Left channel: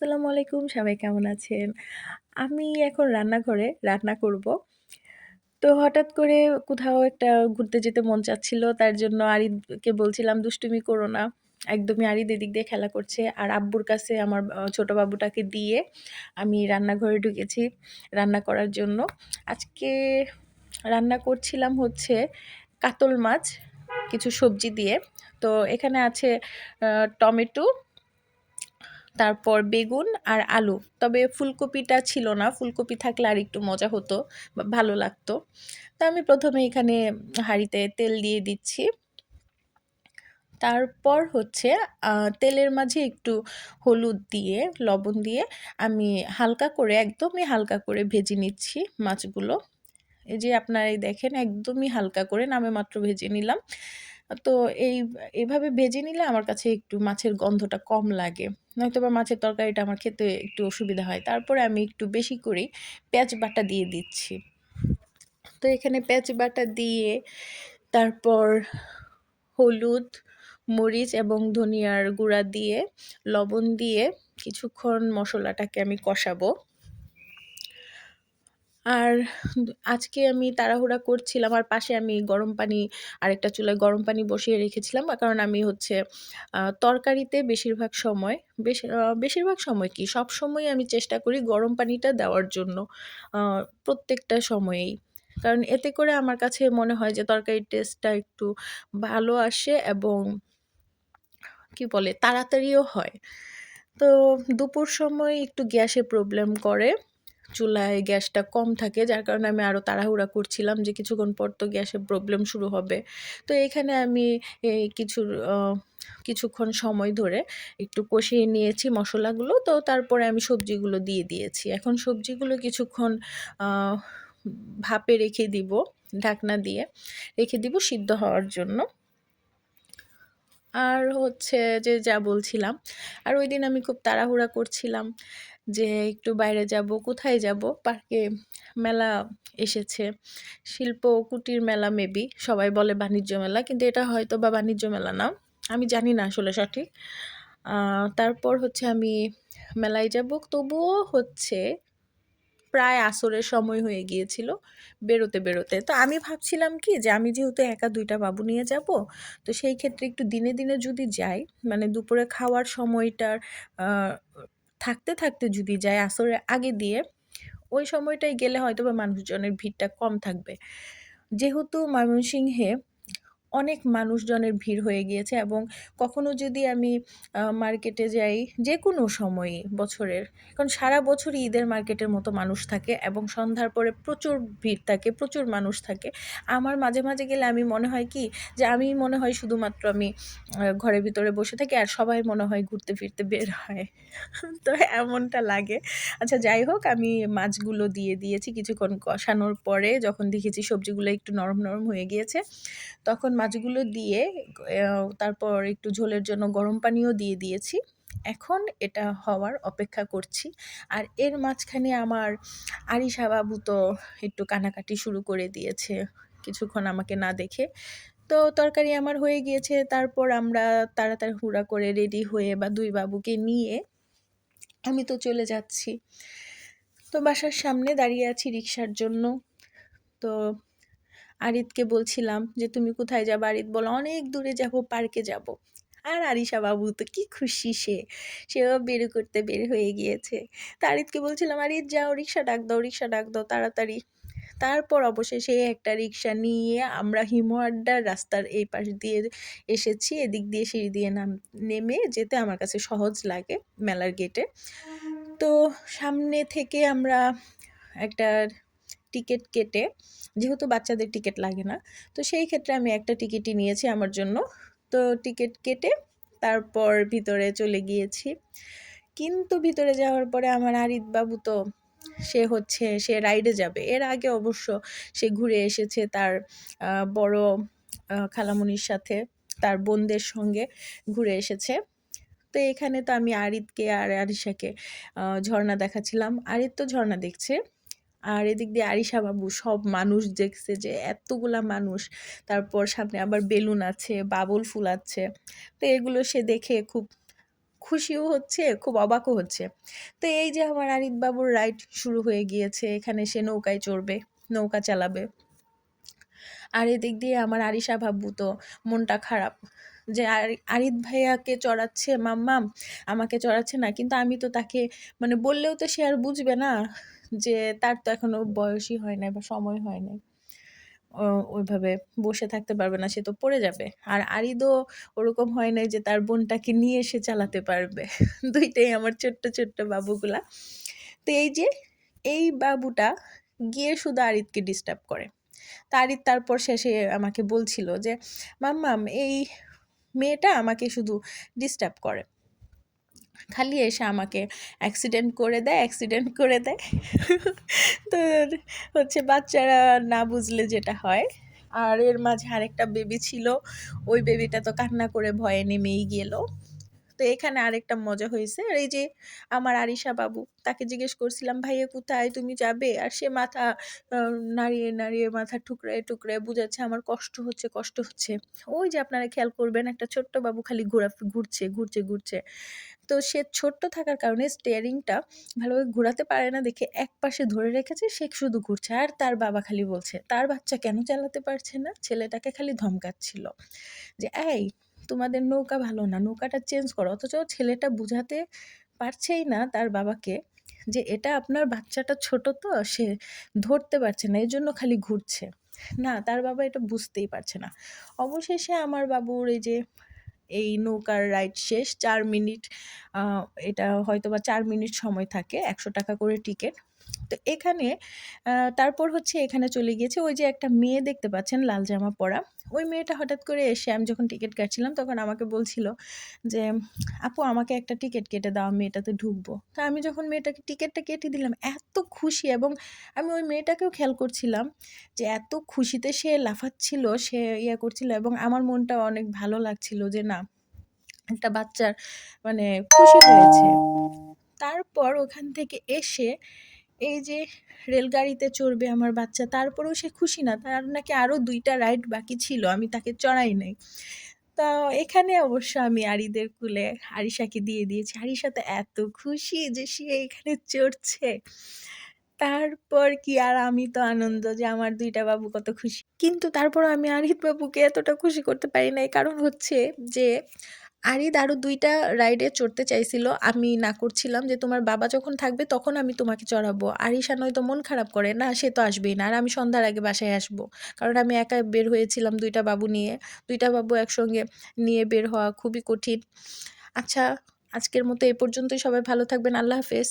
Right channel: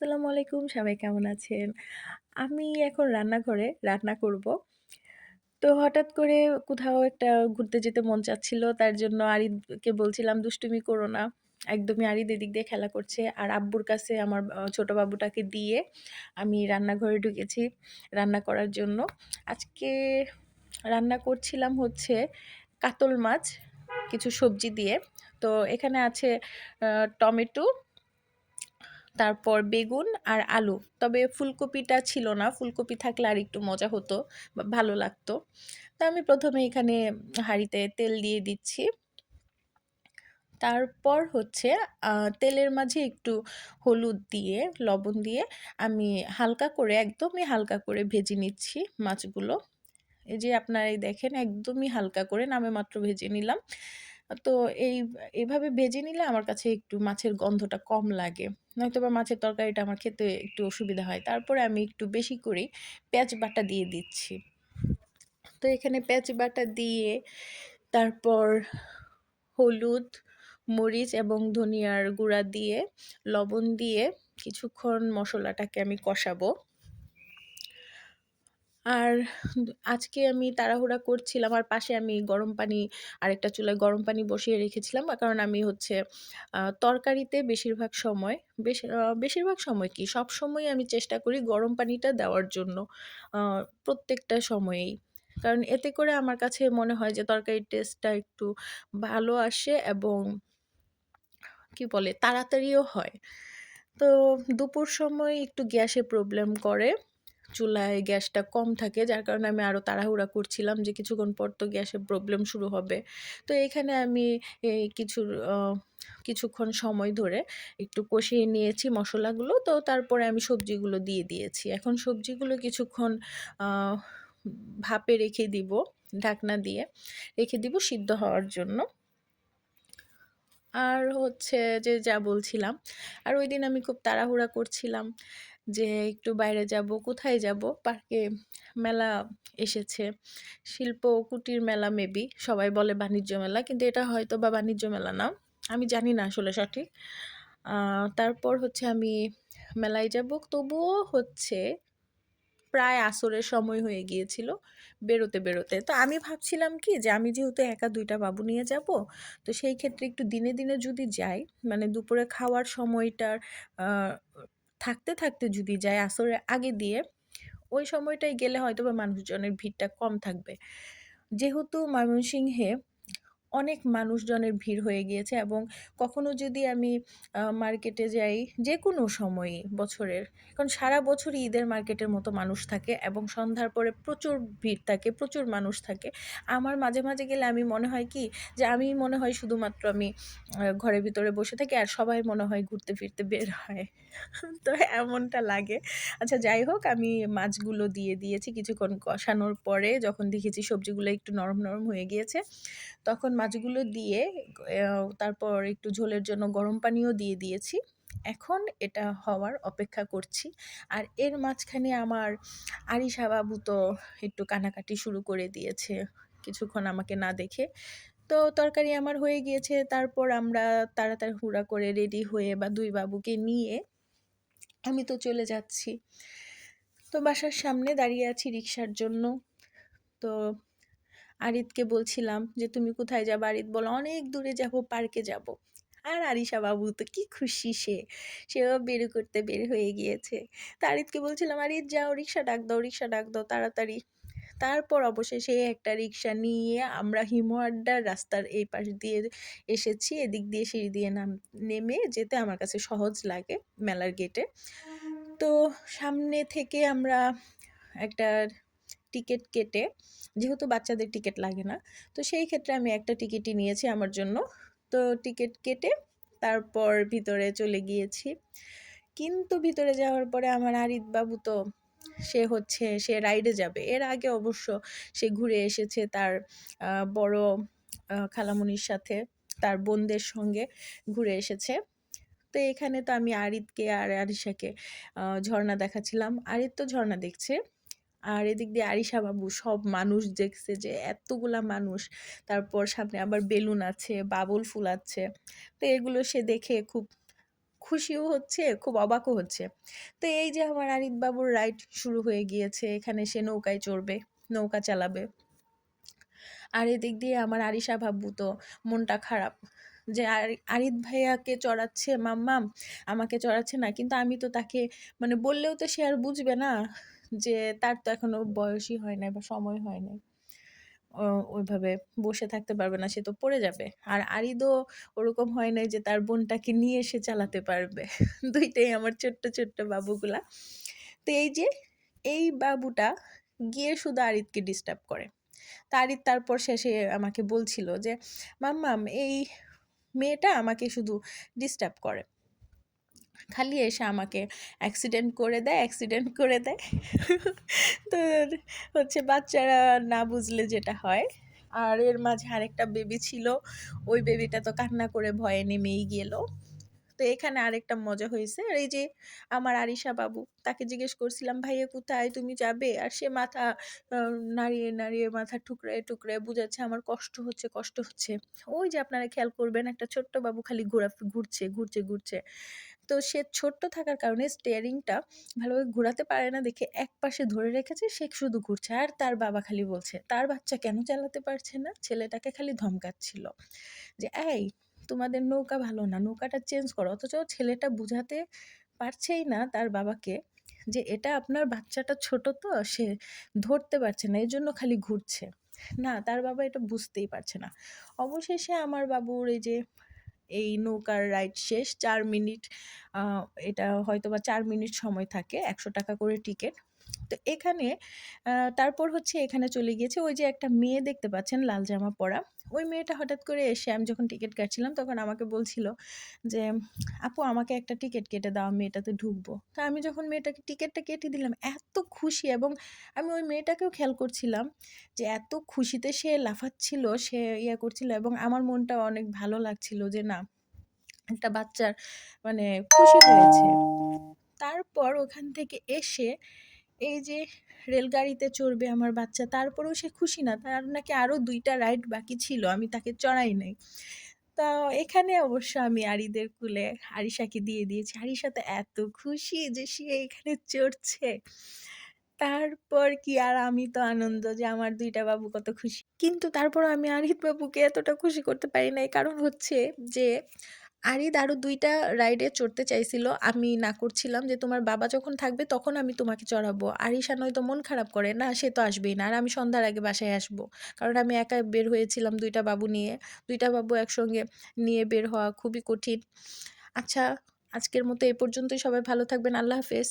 আসসালামু আলাইকুম সবাই কেমন আছেন? আমি এখন রান্নাঘরে রান্না করব। তো হঠাৎ করে কোথাও একটা ঘুরতে যেতে মন চাচ্ছিল। তার জন্য আরিদকে বলছিলাম, "দুষ্টুমি করো না।" একদমই আরিদ এদিক দিয়ে খেলা করছে। আর আব্বুর কাছে আমার ছোট বাবুটাকে দিয়ে আমি রান্নাঘরে ঢুকেছি রান্না করার জন্য। আজকে রান্না করছিলাম হচ্ছে কাতল মাছ কিছু সবজি দিয়ে। তো এখানে আছে টমেটো তারপর বেগুন আর আলু। তবে ফুলকপিটা ছিল না। ফুলকপি থাকলে আর একটু মজা হতো ভালো লাগতো। তা আমি প্রথমে এখানে হাঁড়িতে তেল দিয়ে দিচ্ছি। তারপর হচ্ছে তেলের মাঝে একটু হলুদ দিয়ে, লবণ দিয়ে আমি হালকা করে একদমই হালকা করে ভেজে নিচ্ছি মাছগুলো। এই যে আপনারা এই দেখেন একদমই হালকা করে নামে মাত্র ভেজে নিলাম। তো এই এভাবে ভেজে নিলে আমার কাছে একটু মাছের গন্ধটা কম লাগে। নয়তোবা মাছের তরকারিটা আমার খেতে একটু অসুবিধা হয়। তারপরে আমি একটু বেশি করে পেঁয়াজ বাটা দিয়ে দিচ্ছি। তো এখানে পেঁয়াজ বাটা দিয়ে তারপর হলুদ, মরিচ এবং ধনিয়ার গুঁড়া দিয়ে, লবণ দিয়ে কিছুক্ষণ মশলাটাকে আমি কষাবো। আর আজকে আমি তাড়াহুড়া করছিলাম আর পাশে আমি গরম পানি, আরেকটা চুলায় গরম পানি বসিয়ে রেখেছিলাম। কারণ আমি হচ্ছে তরকারিতে বেশিরভাগ সময়, বেশ বেশিরভাগ সময় কি সবসময়ই আমি চেষ্টা করি গরম পানিটা দেওয়ার জন্য প্রত্যেকটা সময়েই। কারণ এতে করে আমার কাছে মনে হয় যে তরকারির টেস্টটা একটু ভালো আসে এবং কি বলে, তাড়াতাড়িও হয়। তো দুপুর সময় একটু গ্যাসে প্রবলেম করে। চুলায় গ্যাসটা কম থাকে, যার কারণে আমি আরও তাড়াহুড়া করছিলাম যে কিছুক্ষণ পর তো গ্যাসের প্রবলেম শুরু হবে। তো এখানে আমি কিছু কিছুক্ষণ সময় ধরে একটু কষিয়ে নিয়েছি মশলাগুলো তো তারপরে আমি সবজিগুলো দিয়ে দিয়েছি। এখন সবজিগুলো কিছুক্ষণ ভাপে রেখে দিব, ঢাকনা দিয়ে রেখে দিব সিদ্ধ হওয়ার জন্য। আর হচ্ছে যে যা বলছিলাম, আর ওই দিন আমি খুব তাড়াহুড়া করছিলাম যে একটু বাইরে যাব, কোথায় যাব? পার্কে মেলা এসেছে, শিল্প কুটির মেলা মেবি সবাই বলে বাণিজ্য মেলা, কিন্তু এটা হয়তো বা বাণিজ্য মেলা না, আমি জানি না আসলে সঠিক। তারপর হচ্ছে আমি মেলায় যাব, তবুও হচ্ছে প্রায় আসরের সময় হয়ে গিয়েছিল বেরোতে বেরোতে। তো আমি ভাবছিলাম কি যে আমি যেহেতু একা দুইটা বাবু নিয়ে যাব, তো সেই ক্ষেত্রে একটু দিনে দিনে যদি যাই মানে দুপুরে খাওয়ার সময়টার থাকতে থাকতে যদি যাই আসরের আগে দিয়ে, ওই সময়টায় গেলে হয়তো বা মানুষজনের ভিড়টা কম থাকবে। যেহেতু ময়মনসিংহে অনেক মানুষজনের ভিড় হয়ে গিয়েছে এবং কখনো যদি আমি মার্কেটে যাই যে কোনো সময়ই বছরের, কারণ সারা বছরই ঈদের মার্কেটের মতো মানুষ থাকে এবং সন্ধ্যার পরে প্রচুর ভিড় থাকে, প্রচুর মানুষ থাকে। আমার মাঝে মাঝে গেলে আমি মনে হয় কি যে আমি মনে হয় শুধুমাত্র আমি ঘরের ভিতরে বসে থাকি আর সবাই মনে হয় ঘুরতে ফিরতে বের হয়। তো এমনটা লাগে। আচ্ছা যাই হোক, আমি মাছগুলো দিয়ে দিয়েছি কিছুক্ষণ কষানোর পরে যখন দেখেছি সবজিগুলো একটু নরম নরম হয়ে গিয়েছে, তখন মাছগুলো দিয়ে তারপর একটু ঝোলের জন্য গরম পানিও দিয়ে দিয়েছি। এখন এটা হওয়ার অপেক্ষা করছি। আর এর মাঝখানে আমার আরিশা বাবু তো একটু কানাকাটি শুরু করে দিয়েছে কিছুক্ষণ আমাকে না দেখে। তো তরকারি আমার হয়ে গিয়েছে, তারপর আমরা তাড়াতাড়ি হুড়া করে রেডি হয়ে বা দুই বাবুকে নিয়ে আমি তো চলে যাচ্ছি। তো বাসার সামনে দাঁড়িয়ে আছি রিক্সার জন্য। তো আরিদকে বলছিলাম যে, তুমি কোথায় যাব আরিত? বলো, অনেক দূরে যাব পার্কে যাব। আর আরিশা বাবু তো কি খুশি সে, সেও বের করতে বের হয়ে গিয়েছে। তা আরিতকে বলছিলাম আরিদ যাও, রিক্সা ডাক দাও, রিক্সা ডাক দাও, তাড়াতাড়ি। তারপর অবশেষে একটা রিক্সা নিয়ে আমরা হিমোয়াড্ডার রাস্তার এই পাশ দিয়ে এসেছি। এদিক দিয়ে সিঁড়ি দিয়ে নাম, নেমে যেতে আমার কাছে সহজ লাগে মেলার গেটে তো সামনে থেকে আমরা একটা টিকিট কেটে, যেহেতু বাচ্চাদের টিকিট লাগে না, তো সেই ক্ষেত্রে আমি একটা টিকিটই নিয়েছি আমার জন্য। তো টিকিট কেটে তারপর ভিতরে চলে গিয়েছি। কিন্তু ভিতরে যাওয়ার পরে আমার আরিদ বাবু তো, সে হচ্ছে, সে রাইডে যাবে। এর আগে অবশ্য সে ঘুরে এসেছে তার বড় খালামুনির সাথে, তার বোনদের সঙ্গে ঘুরে এসেছে। তো এখানে তো আমি আরিদকে আর আরিশাকে ঝর্ণা দেখাচ্ছিলাম। আরিদ তো ঝর্ণা দেখছে। আর এদিক দিয়ে আরিশা বাবু সব মানুষ দেখছে যে এতগুলা মানুষ। তারপর সামনে আবার বেলুন আছে, বাবল ফুল আছে। তো এগুলো সে দেখে খুব খুশিও হচ্ছে, খুব অবাকও হচ্ছে। তো এই যে আমার আরিফ বাবুর রাইড শুরু হয়ে গিয়েছে, এখানে সে নৌকায় চড়বে, নৌকা চালাবে। আর এদিক দিয়ে আমার আরিশা বাবু তো মনটা খারাপ যে আরি- আরিফ ভাইয়াকে চড়াচ্ছে, মাম্মাম, আমাকে চড়াচ্ছে না। কিন্তু আমি তো তাকে মানে বললেও তো সে আর বুঝবে না। যে তার তো এখনও বয়সই হয় নাই বা সময় হয় নাই। ওইভাবে বসে থাকতে পারবে না, সে তো পড়ে যাবে। আর আরিদও ওরকম হয় নাই যে তার বোনটাকে নিয়ে এসে চালাতে পারবে। দুইটাই আমার ছোট্ট ছোট্ট বাবুগুলা। তো এই যে, এই বাবুটা গিয়ে শুধু আরিদকে ডিস্টার্ব করে। তা আরিদ তারপর শেষে আমাকে বলছিল যে, মাম্মাম, এই মেয়েটা আমাকে শুধু ডিস্টার্ব করে। খালি এসে আমাকে অ্যাক্সিডেন্ট করে দেয় অ্যাক্সিডেন্ট করে দেয়। তো হচ্ছে বাচ্চারা না বুঝলে যেটা হয়। আর এর মাঝে আরেকটা বেবি ছিল, ওই বেবিটা তো কান্না করে ভয়ে নেমেই গেল। তো এখানে আরেকটা মজা হয়েছে। আর এই যে আমার আরিশা বাবু, তাকে জিজ্ঞেস করছিলাম, ভাইয়া কোথায়? তুমি যাবে? আর সে মাথা নাড়িয়ে নাড়িয়ে মাথা টুকরে টুকরে বুঝাচ্ছে, আমার কষ্ট হচ্ছে কষ্ট হচ্ছে। ওই যে আপনারা খেয়াল করবেন, একটা ছোট্ট বাবু খালি ঘোরা, ঘুরছে ঘুরছে ঘুরছে। তো সে ছোট্ট থাকার কারণে স্টিয়ারিংটা ভালোভাবে ঘোরাতে পারে না দেখে এক পাশে ধরে রেখেছে, সে শুধু ঘুরছে। আর তার বাবা খালি বলছে, তার বাচ্চা কেন চালাতে পারছে না? ছেলেটাকে খালি ধমকাচ্ছিল যে, এই, তোমাদের নৌকা ভালো না, নৌকাটা চেঞ্জ করো। অথচ ছেলেটা বুঝাতে পারছেই না তার বাবাকে যে, এটা আপনার বাচ্চাটা ছোট তো, সে ধরতে পারছে না এই জন্য খালি ঘুরছে। না, তার বাবা এটা বুঝতেই পারছে না। অবশেষে আমার বাবুর এই যে এই নৌকার রাইড শেষ। চার মিনিট এটা হয়তো বা চার মিনিট সময় থাকে, একশো টাকা করে টিকিট। তো এখানে তারপর হচ্ছে এখানে চলে গিয়েছে ওই যে একটা মেয়ে দেখতে পাচ্ছেন, লাল জামা পরা। ওই মেয়েটা হঠাৎ করে এসে, আমি যখন টিকিট কাটছিলাম, তখন আমাকে বলছিল যে, আপু, আমাকে একটা টিকিট কেটে দাও, আমি ঢুকবো। তা আমি যখন মেয়েটাকে টিকিটটা কেটে দিলাম, এত খুশি এবং আমি ওই মেয়েটাকেও খেয়াল করছিলাম যে, এত খুশিতে সে লাফাচ্ছিল, সে ইয়া করছিল এবং আমার মনটা অনেক ভালো লাগছিল যে, না, একটা বাচ্চার মানে খুশি হয়েছে। তারপর ওখান থেকে এসে এই যে রেলগাড়িতে চড়বে আমার বাচ্চা, তারপরেও সে খুশি না। তার নাকি আরও দুইটা রাইড বাকি ছিল, আমি তাকে চড়াই নাই। তা এখানে অবশ্য আমি আরিদের কুলে আরিশাকে দিয়ে দিয়েছি। আরিশা তো এত খুশি যে সে এখানে চড়ছে। তারপর কি আর আমি তো আনন্দ যে আমার দুইটা বাবু কত খুশি। কিন্তু তারপর আমি আরিদ বাবুকে এতটা খুশি করতে পারি নাই। কারণ হচ্ছে যে আরিদ আরও দুইটা রাইডে চড়তে চাইছিল। আমি না করছিলাম যে তোমার বাবা যখন থাকবে তখন আমি তোমাকে চড়াবো। আর আরিশা নয়তো মন খারাপ করে। না, সে তো আসবেই না। আর আমি সন্ধ্যার আগে বাসায় আসব। কারণ আমি একা বের হয়েছিলাম দুইটা বাবু নিয়ে। দুইটা বাবু একসঙ্গে নিয়ে বের হওয়া খুবই কঠিন। আচ্ছা আজকের মতো এ পর্যন্তই। সবাই ভালো থাকবেন। আল্লাহ হাফেজ।